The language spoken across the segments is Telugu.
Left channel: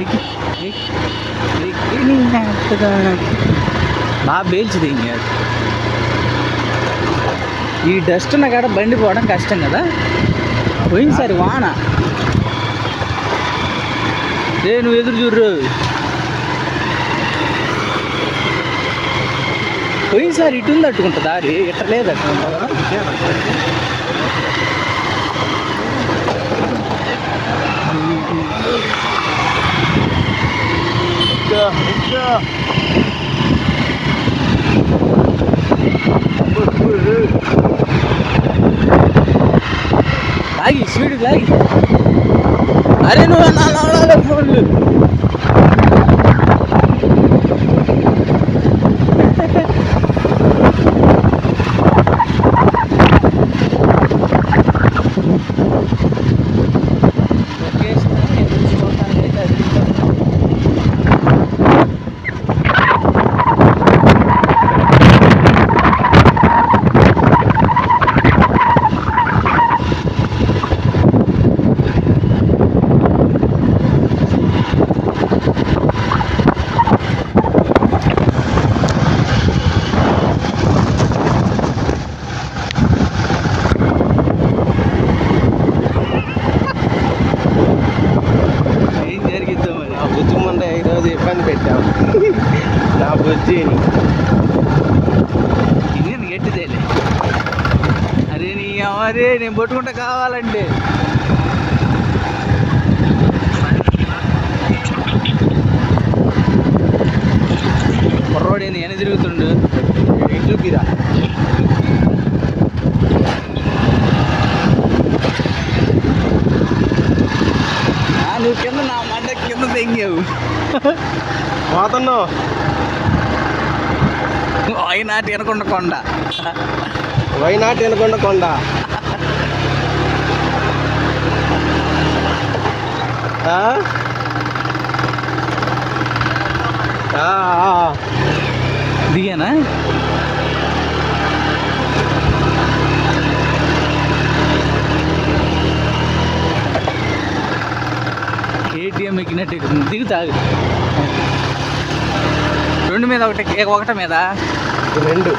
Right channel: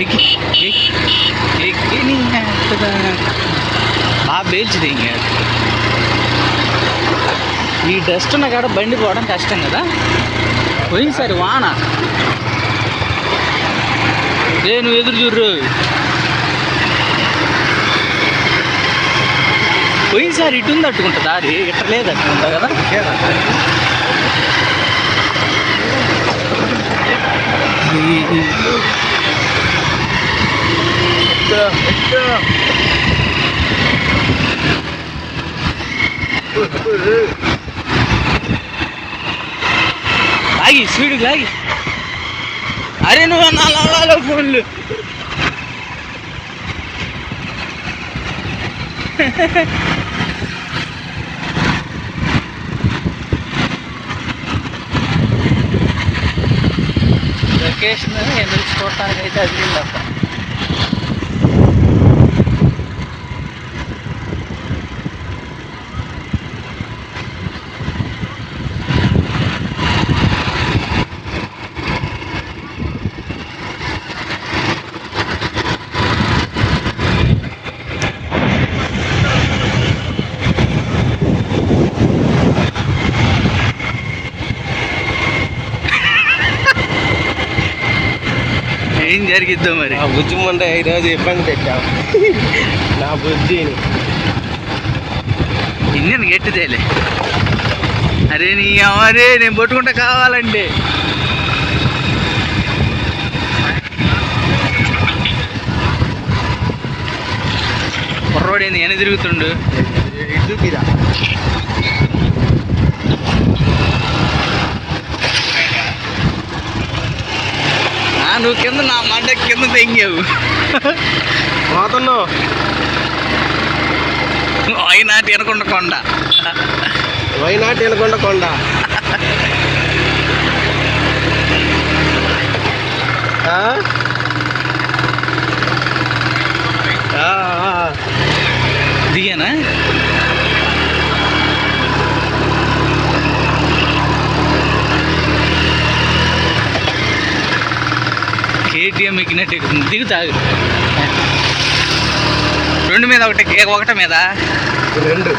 ఎక్కి ఎక్కి ఎక్కి బాగా పేల్చుది ఈ డస్ట్ ఉన్న కాడ బండి పోవడం కష్టం కదా? పోయినసారి వాన. ఏ నువ్వు ఎదురు చూర్రు పోయినసారి ఇటు ఉంది అట్టుకుంటా దారి. ఇట్ట లేదు అట్టుకుంటా కదా? ఈ- ఈ- లాగి స్పీడ్ లాగి అరే నువ్వు నా లాగాలో ఫోన్లు లొకేషన్ ఎదురు చూడటానికి అయితే అది ఏం జరిగిద్దో మరి నా బుజ్జి ముండ ఈరోజు ఇబ్బంది పెట్టాం నా బుజ్జిని ఇంజన్ గట్టిదేలే అరే నీ అమరే నేను పట్టుకుంటా కావాలంటే కుర్రోడు ఏంది ఎన్ని తిరుగుతుండు చూపిరా నువ్వు కింద నా మంట కింద తెంగావు. పోతున్నావు అయినా తినకుండా కొండ. వైనాట్ వినకొండ కొండ? ఆ, ఆ. దిగానా కేటీఎం ఎక్కినట్టు ఎక్కుతుంది దిగు తాగు. రెండు మీద ఒకటి ఒకటి మీద. రెండు.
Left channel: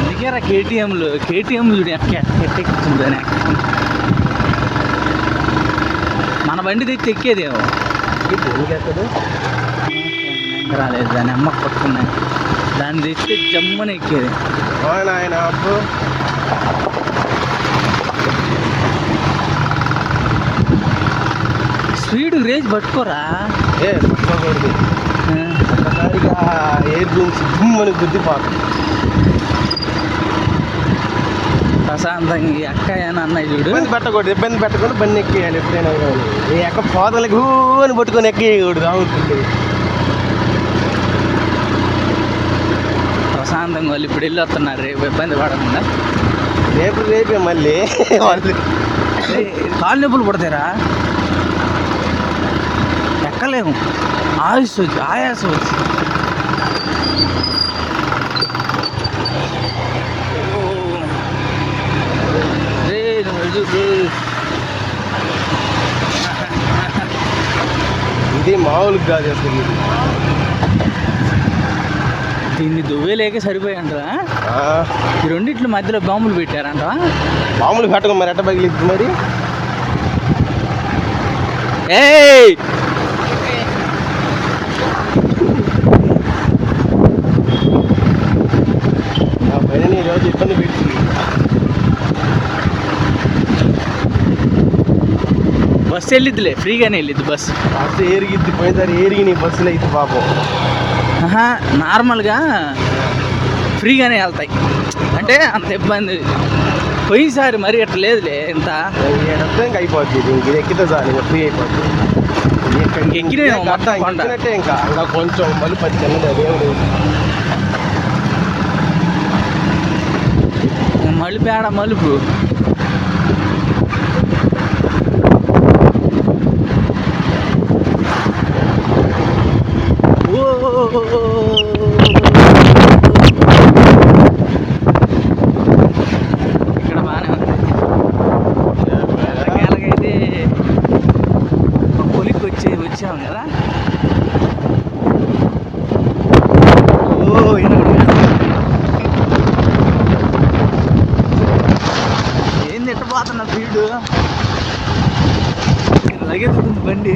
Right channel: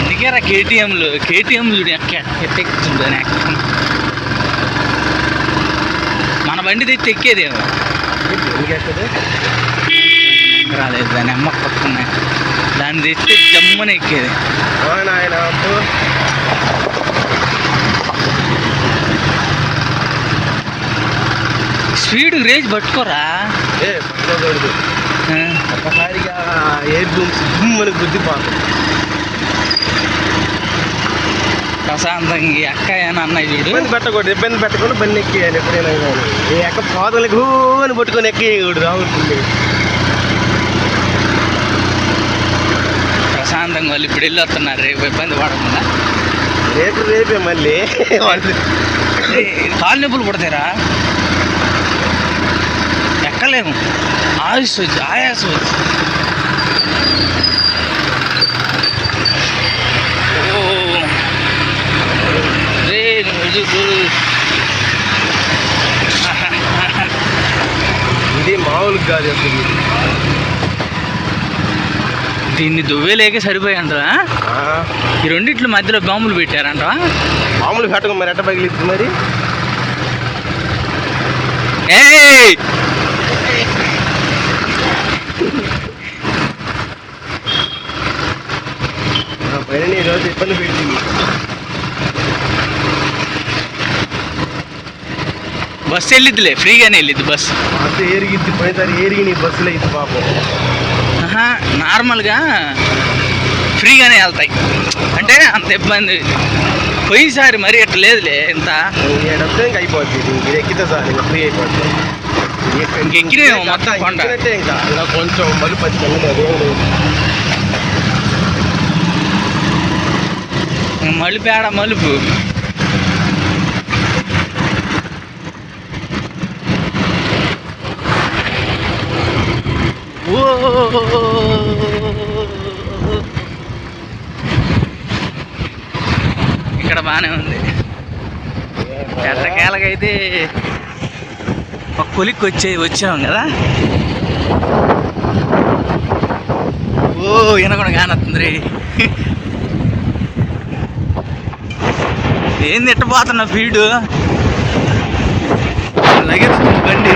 అందుకే రా కేటీఎంలు కేటీఎంలు చూడు ఎట్టెక్కుతుందో మన బండి తెచ్చి ఎక్కేదేమో. రాలేదు దాని అమ్మ పట్టుకున్నాయి దాన్ని తెస్తే జమ్మన ఎక్కేది. ఆయన అప్పు స్పీడ్ రేజ్ పట్టుకోరా. ఏ ఒకసారిగా ఎయిర్ రూమ్స్ గుమ్మని గుద్దిపోతుంది ప్రశాంతంగా ఈ అక్క అని అన్నయ్య చూడు. ఇబ్బంది పెట్టకూడదు ఇబ్బంది పెట్టకూడదు బండి ఎక్కియాలి ఎప్పుడైనా. ఈ ఎక్క పోదలకి అని పట్టుకొని ఎక్కేయకూడదు రావుతుంది ప్రశాంతంగా వాళ్ళు ఇప్పుడు వెళ్ళి వస్తున్నారు రేపు ఇబ్బంది పడకుండా. రేపు రేపే మళ్ళీ. కాలు నొప్పులు పడతారా ఎక్కలేము. ఆయుస్ వచ్చి ఆయాసం వచ్చి. ఇది మామూలుగా కాదు. దీన్ని దువ్వేలేకే సరిపోయాంటరా ఆ, ఈ రెండిట్ల మధ్యలో బాంబులు పెట్టారంట. మామూలు పెట్టక మరి ఎట్ట పగిలిద్ది మరి? ఏయ్! ఆ బండిని ఈరోజు ఇబ్బంది పెట్టింది బస్సు వెళ్ళిద్దిలే ఫ్రీగానే వెళ్ళిద్ది బస్సు బస్సు ఏరిగిద్ది పోయినసారి ఏరిగి నీ బస్సులో అయితే పాపం. ఆహా, నార్మల్గా ఫ్రీగానే వెళ్తాయి. అంటే అంత ఇబ్బంది. పోయినసారి మరి అట్లా లేదులే ఇంత. ఏడొస్తే ఇంక ఎక్కితే చాలు ఫ్రీ అయిపోతుంది ఇంక మొత్తం కొండ. కొంచెం మళ్ళీ పది చెల్లెలు అదేం లేదు మలుపు ఆడ మలుపు. ఇక్కడ బాగానే ఉంది. ఎర్రకాయలకైతే ఒక కొలిక్కి వచ్చే వచ్చాము కదా? ఓ ఈయన కూడా కానుంది ఏం తిట్టపోతున్నా ఫీడు లగెత్తుంది బండి.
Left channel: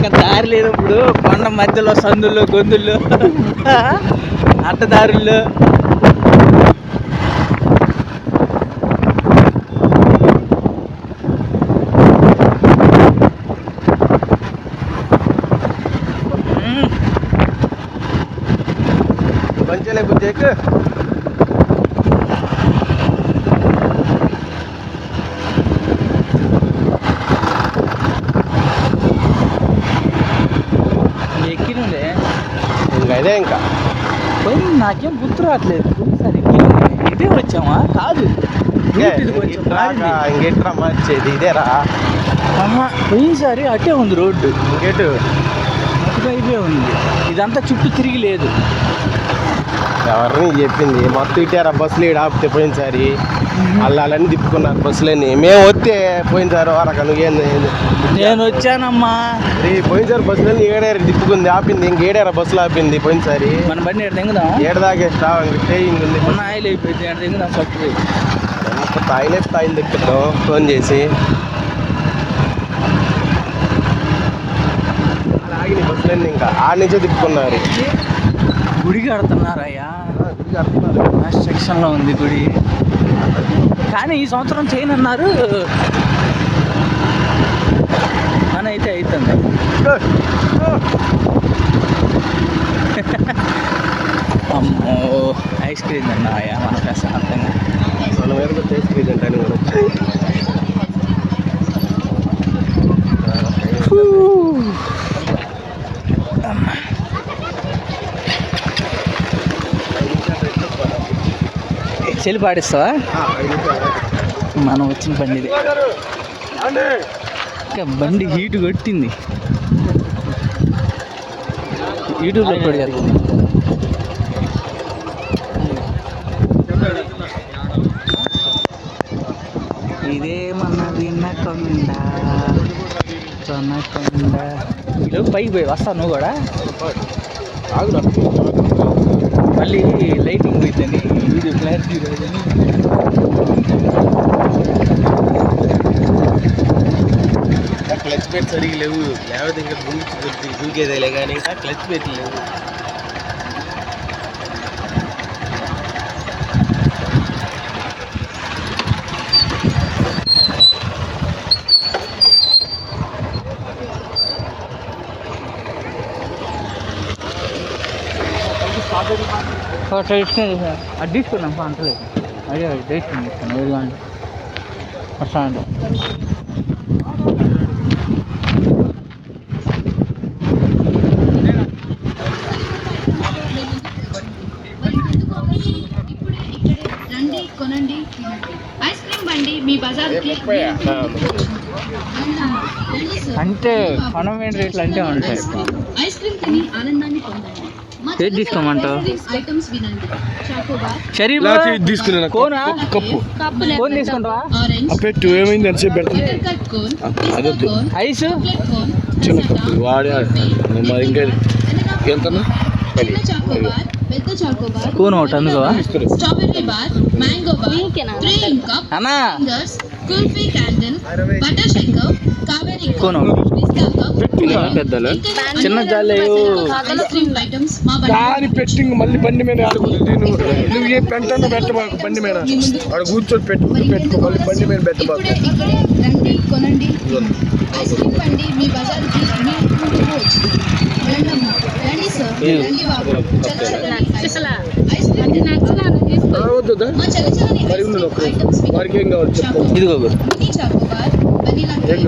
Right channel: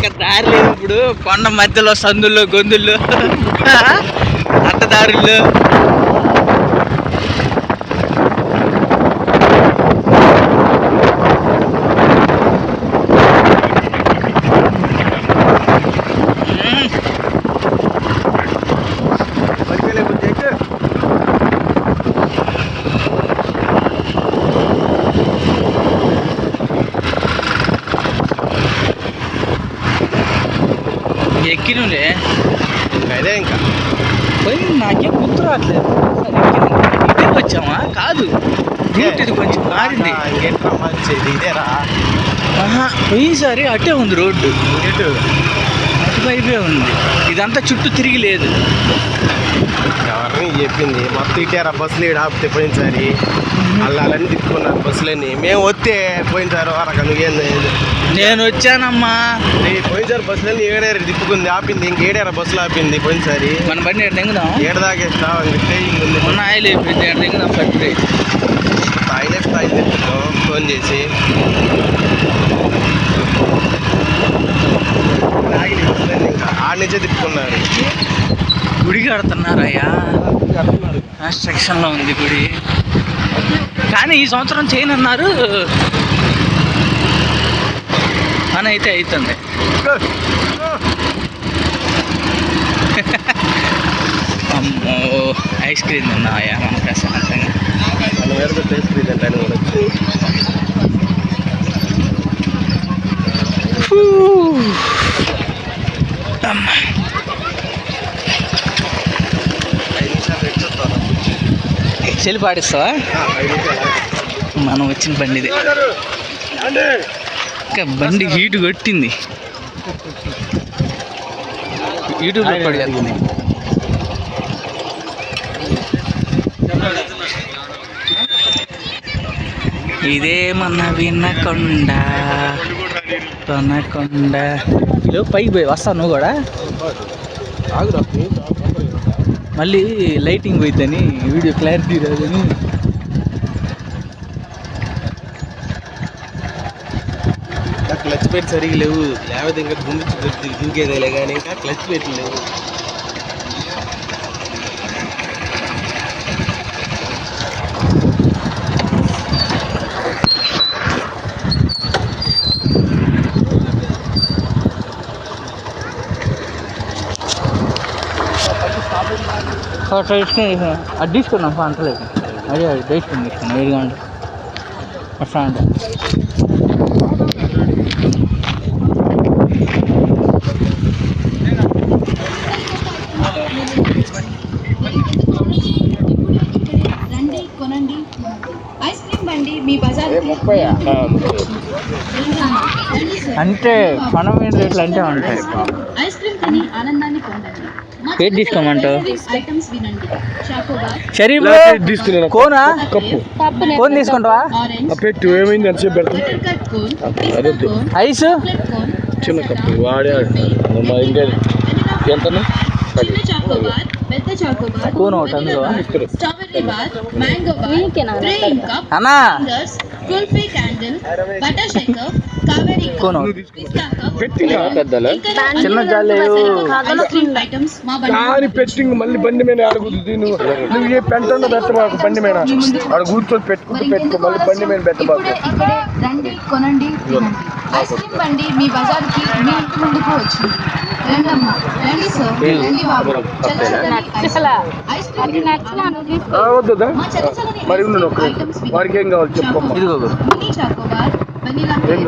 ఇంకా దారి లేదు ఇప్పుడు. కొండ మధ్యలో సందుల్లో గొంతుల్లో. అట్టదారుల్లో మ్మ్. మంచిగా గుర్తు ఎక్కినులే. ఇంకా ఇదే ఇంకా. పోయి నాకేం గుర్తు రావట్లేదు. ఇదే వచ్చామా? కాదు. రూట్ ఇది కొంచెం మారింది. వచ్చేది? ఇదేరా ఆహా పోయినసారి అటే ఉంది రోడ్డు. అటువైపే ఉంది. ఇదంతా చుట్టూ తిరిగి లేదు. ఎవరిని చెప్పింది. మొత్తం ఇటారా బస్సులు ఈడ ఆపితే పోయినసారి వాళ్ళు వాళ్ళని తిప్పుకున్నారు బస్సులని మేము వస్తే పోయినసారి వాళ్ళకి నువ్వేం లేదు. నేను వచ్చానమ్మా. ఈ పోయినసారి బస్సులని ఏడారు తిప్పుకుంది ఆపింది. ఇంక ఏడారా బస్సులు ఆపింది పోయినసారి. మన బండి ఎక్కడ దిగుదాం ఏడ దాకేస్తా ట్రైనింగ్ ఉంది. ఉన్న ఆయిల్ అయిపోయింది. ఎక్కడ దిగుదాం ఫ్యాక్టరీ తాయిలే తాయిలు తిప్పుతాం ఫోన్ చేసి. బస్సులన్నీ ఆడ నుంచే తిప్పుకున్నారు. గుడి కడుతున్నారయ్యా. కన్స్ట్రక్షన్లో ఉంది గుడి. కానీ ఈ సంవత్సరం చేయనన్నారు. పని అయితే అవుతుంది అమ్మో ఐస్ క్రీమ్ తిన్నావయ్యా మన ప్రశాంతంగా. మనం వేరే టేస్ట్ రీజన్ అని కూడా వచ్చి ఫూ. అమ్మా. ఐదు నిమిషాలు పెట్టొద్దాం. చెల్లి పాటిస్తావా? మనం వచ్చిన బండి ఇదే. ఇంకా బండి హీటు కొట్టింది. యూట్యూబ్లో కూడా చేస్తుంది. ఇదే మన వినకొండ. కొనకొండ ఇలా పైకి పోయి వస్తా నువ్వు కూడా? మళ్ళీ లైటింగ్ పోయిద్దని వీడియో క్లారిటీ రాదని ఇంకా క్లచ్ పెట్టి సరిగ్గా లేవు. లేకపోతే ఇంకా దుంకి దూకేదేలే కానీ ఇంకా క్లచ్ పెట్టి లేవు. తీసుకుని అది తీసుకున్నాం అంటలేదు అదే అది తీసుకుని తీసుకున్నాం ఏడు గంటలు వస్తా అంటే కొనండి ఐస్ క్రీమ్ బండి మీ బజార్కి అంటే కొనమైన రేట్లు అంటే ఉంటాయి. ఐస్ క్రీమ్ తిని ఆనందాన్ని పొందండి. ఏది తీసుకోమంటావు? ఐటమ్స్ వినండి. చాకోబార్ షరీఫ్. కోనా? కప్పు. కోన్ తీసుకుంటావా? ఆరెంజ్. పెట్టు ఏమైంది? అని చెప్పి ఐస్? చిన్న కప్పు. వాడే ఇంకా ఎంత కోన్ ఒకటి అందుకో. కప్ అన్నా. Kulfi candle butter Kaveri cup పెద్దలే. చిన్న ఐటమ్స్ మా బండి దాని పెట్టింగ్ మళ్ళీ బండి మీద ఆడుకుంటుంది నువ్వు నువ్వు ఏ పెంటను పెట్టమాకు బండి మీద. ఆడ కూర్చొని పెట్టు మరి పెట్టు ఇంకెందుకు మళ్ళీ బండి మీద ఇక్కడే రండి కొనండి ఐస్ క్రీమ్ బండి మీ బజార్కి మీ ముందుకు వచ్చింది. వద్దుదా మరి. వారికి ఏం కావాలి చెప్పమ్మా ఏం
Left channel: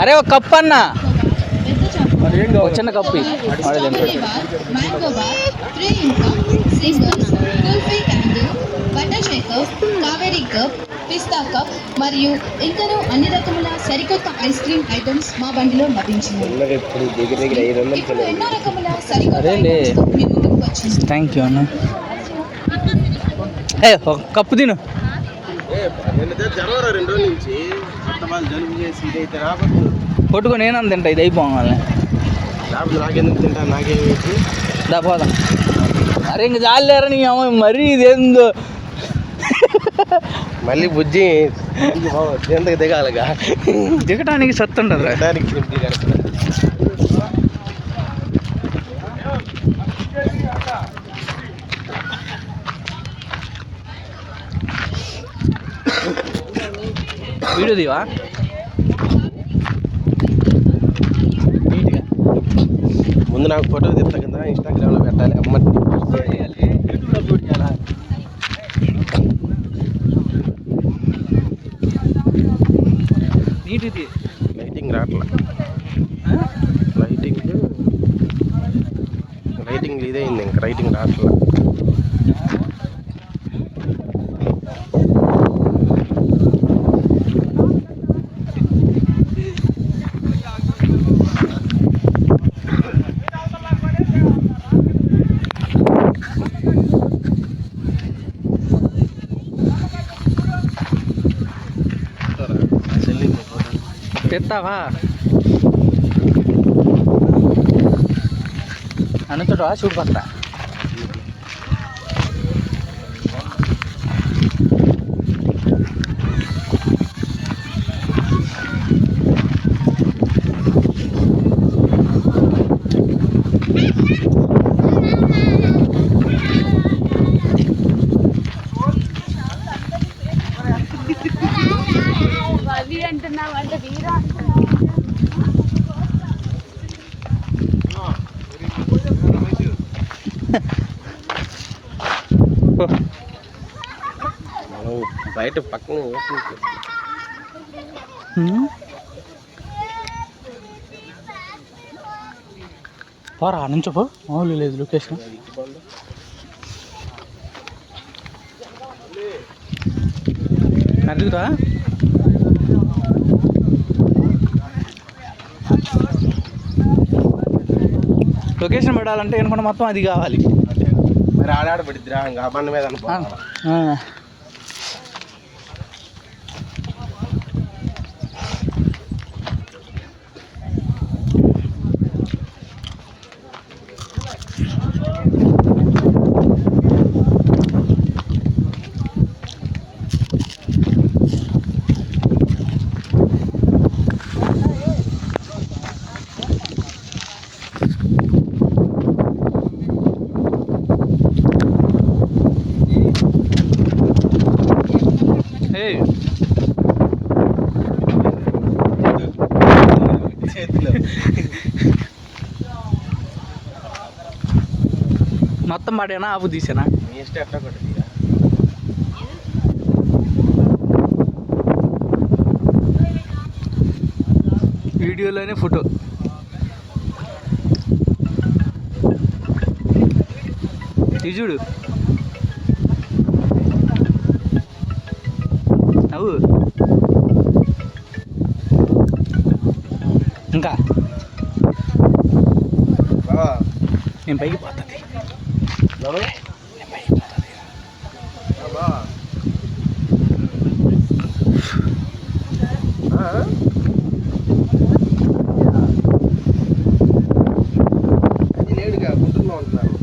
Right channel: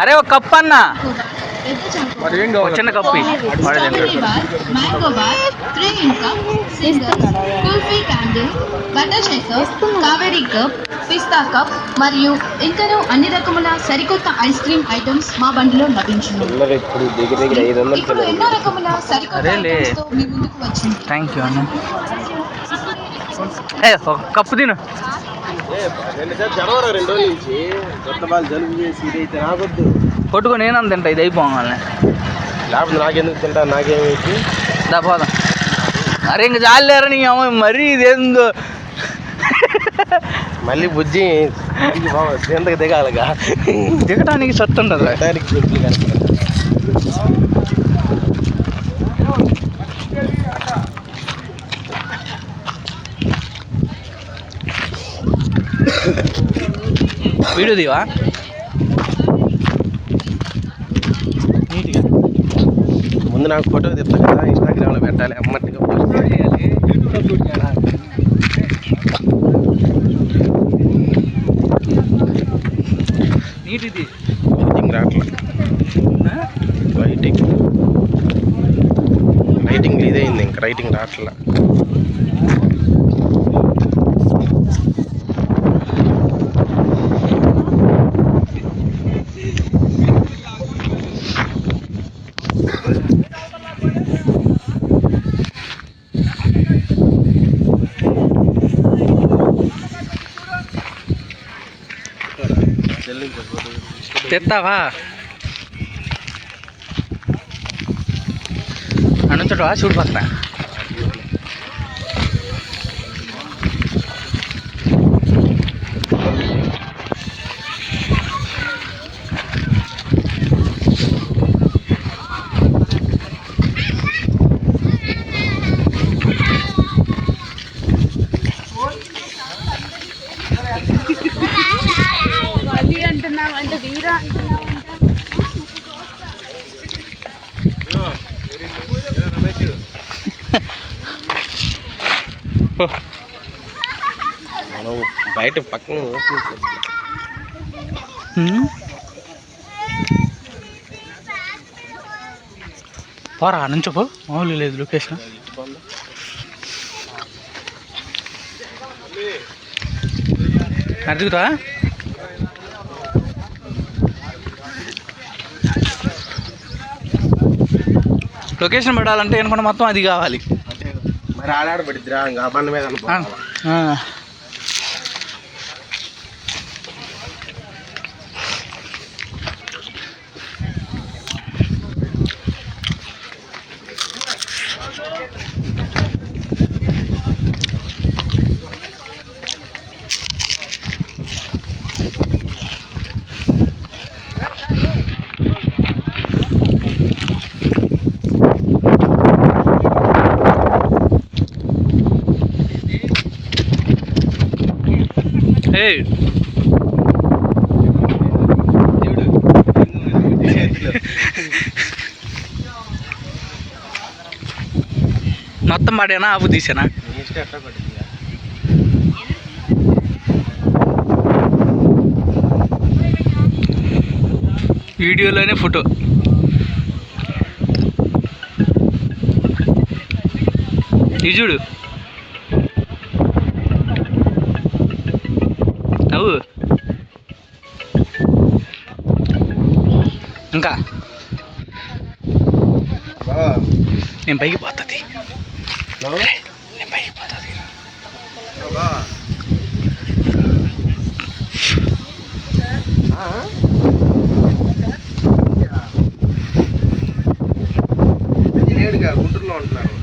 అరే ఒక కప్ అన్నా మరి ఏం కావాలి? చిన్న cup. Mango bar cup singers kulfi candle butter shaker Kaveri cup పిస్తా కప్ మరియు ఇంకనూ అన్ని రకముల సరికొత్త ఐస్ క్రీమ్ ఐటమ్స్ మా బండిలో లభించును ఇప్పుడు ఎన్నో రకముల సరికొత్త మీ ముందుకు వచ్చింది. థ్యాంక్ యూ అన్న. కప్పు తిను. కొట్టుకొని నేను తింటా ఇది అయిపోవాలి లేకపోతే నాకెందుకు తింటా నాకేమైంది దా పోదాం. అరే ఇంక చాలేరా నీ అమ్మ మరీ ఇదేందో. మళ్ళీ బుద్ధి ఎందుకు దిగాలిగా? దిగటానికి సొత్తు ఉండదు వీడియో దివా? ముందు నాకు ఫోటో తీస్తా కదా ఇన్స్టాగ్రామ్లో పెట్టాలి అమ్మటి నీటిది. లైటింగ్ రావట్లా. లైటింగ్ లైటింగ్ ఇదైంది ఇంక. రైటింగ్ రావట్లా. తెస్తావా అనుంచటవా చూడు పక్కన ఓ, బయట పక్కన. పోరా నుంచోపో మామూలు లేదు లొకేషన్. అడుగుతా లొకేషన్ పడాలంటే అనుకున్న మొత్తం అది కావాలి. మరి ఆడాడ పడిద్దిరా బండ మీద ఆ, మొత్తం పడేనా? ఆపు తీసానా? వీడియోలోనే ఫోటో. ఇది చూడు. అవు ఇంకా నేను పైకి పోతుంది నేను పైకి పోతుంది లేడుగా గుంటూరులో ఉంటున్నాను